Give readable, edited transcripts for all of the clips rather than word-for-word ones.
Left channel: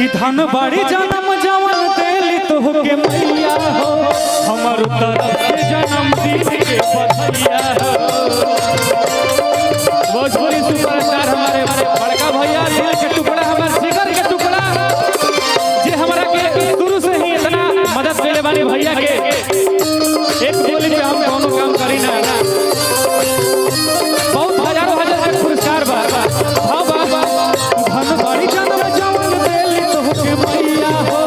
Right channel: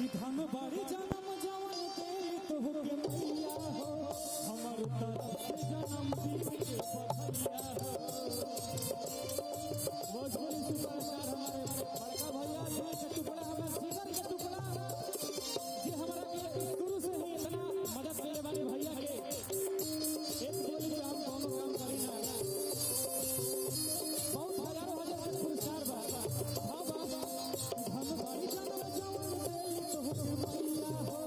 कि धन बाड़ी जन्म जवन देली तोहके मैया हो हमर तरफ से जन्मदिन के बधाइया हो। भोजपुरी सुपरस्टार हमारे बड़का भैया दिल के टुकड़ा हमारे जिगर के टुकड़ा जे हमरा के शुरू से ही इतना मदद देले वाले भैया के एक बोली पे हम कोनो काम करी ना बहुत हजारों हजार के पुरस्कार बा। हां बाबा धन बाड़ी जन्म जवन देली तोहके मैया हो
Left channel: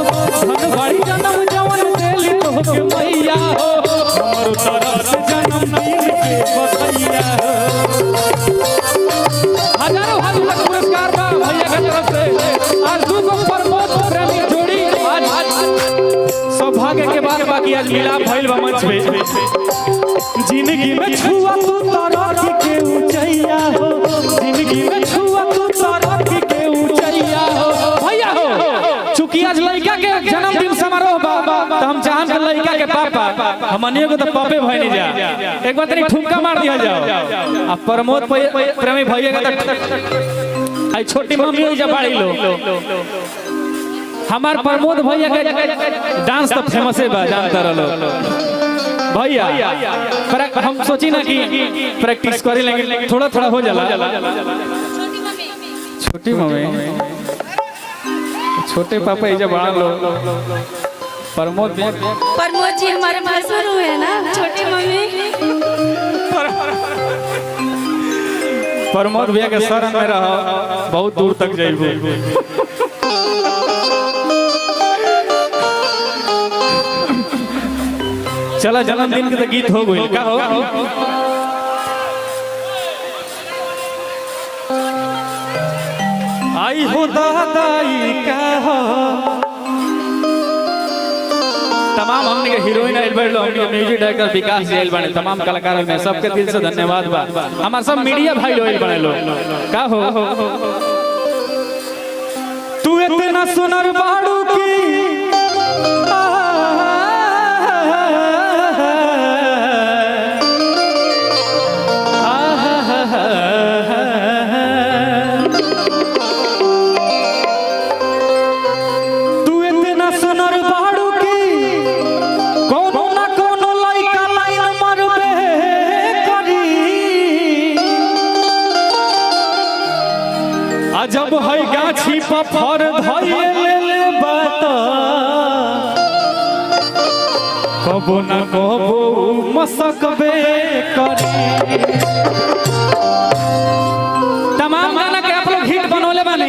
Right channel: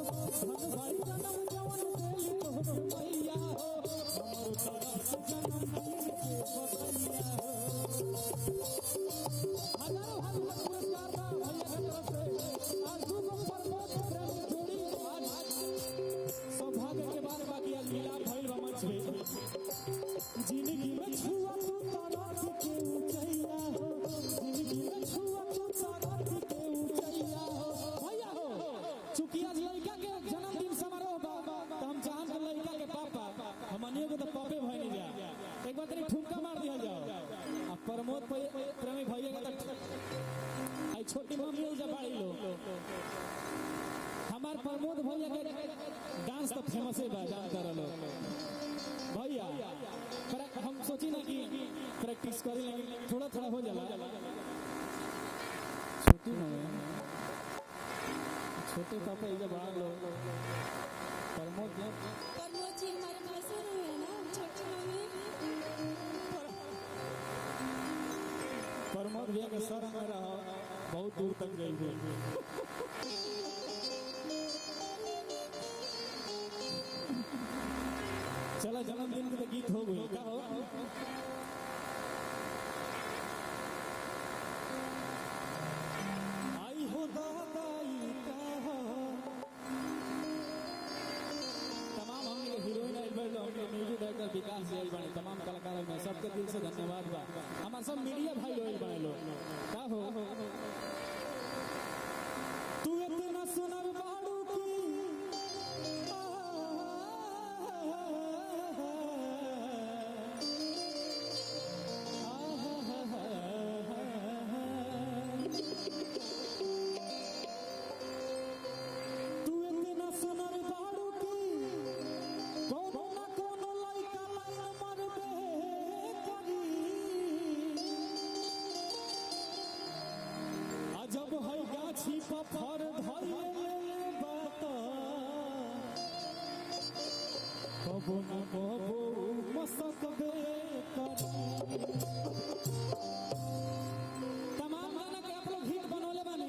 धन बाड़ी जन्म जवन देली तोहके मैया हो हमर तरफ से जन्मदिन के बधाइया हो। हजारों हजार पुरस्कार बा भैया के तरफ से और दूगो प्रमोद प्रेमी जोड़ी आज सौभाग्य के बाद बाकी आज मिलाप भइल बा मंच पे। जिंदगी में छुआ तू तरक्की के ऊंचाइया हो जिंदगी में छुआ तू तरक्की के ऊंचाइया हो भैया हो। चूंकि आज लड़का के जन्मदिन समारोह बा तो हम चाहम के लड़का के पापा हमनियो को तो पापे भइनी जा एक बार तनी ठुमका मार दिया जाओ। आ प्रमोद प्रेमी भैया का आई छोटी मम्मी जब बाड़ी लो हमार प्रमोद भैया के डांस तो फेमस है बा जानता रहो भैया हम सोची ना कि प्रैक्टिस करे लेकिन थोड़ा थोड़ा हो जाला। छोटी मम्मी छोटे पापा ये जब बड़ा लो प्रमोद जी हमारे भासुर हुए हैं ना छोटी मम्मी। प्रमोद भैया के शरण में रहो बहुत दूर तक जाइबो। चला जन्मदिन के तो गीत हो गई का हो आई हो दादाई का हो। तमाम हमने के हीरोइन आइल बैठलो हमने म्यूजिक डायरेक्टर विकास जी आइल बने तमाम कलाकार में सबके दिल से धन्यवाद बा। हमार सब मीडिया भाई लोग बने लो का हो तू इतना सुनर बाड़ू की जब है गाछी पफर धइले बात कबो न कबो मसकबे करी। तमाम गाना के आप लोग हिट बनोले बानी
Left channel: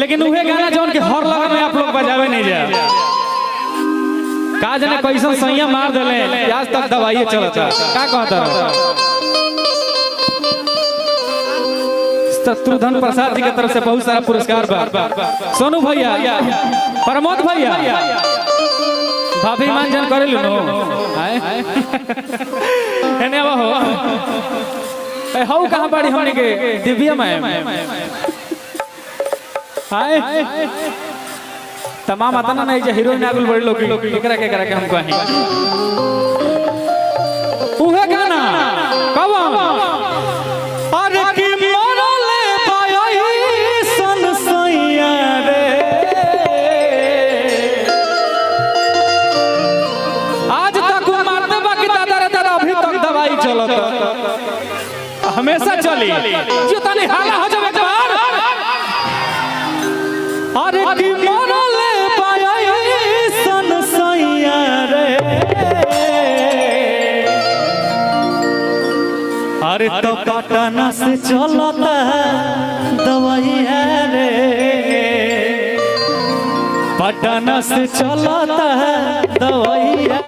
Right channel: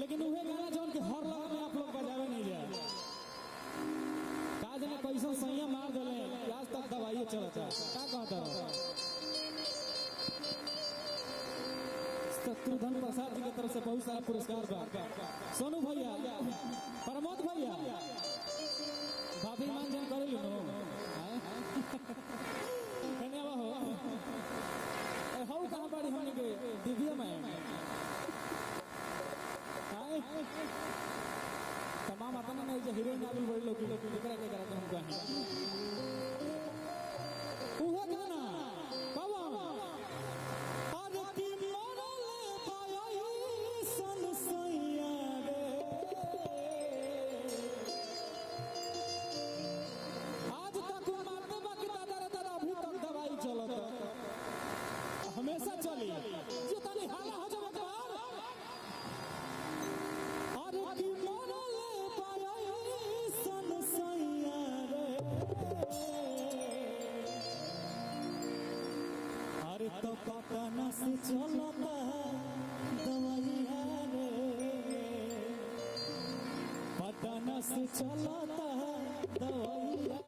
लेकिन उहे गाना जौन के हर लगा में आप लोग बजावे नहीं जा का जाने कैसन सैया मार देले आज तक दवाई चलता का कहता। शत्रुघ्न प्रसाद जी की तरफ से बहुत सारा पुरस्कार बा। सोनू भैया प्रमोद भैया भाभी मान जान करे लो एने हो ए हौ कहां बाड़ी हमने के दिव्या मैम हाय तमाम आतना नहीं जे हीरोइन आगुल बड़ी लोग एकरा के हम कहीं उहे गाना कब अरे की हमेशा चली जो तनी हाला हो जावे बार अरे की मरले पाई सन सैया रे अरे तो पटना से चलता दवाई है रे पटना से चलता दवाई है।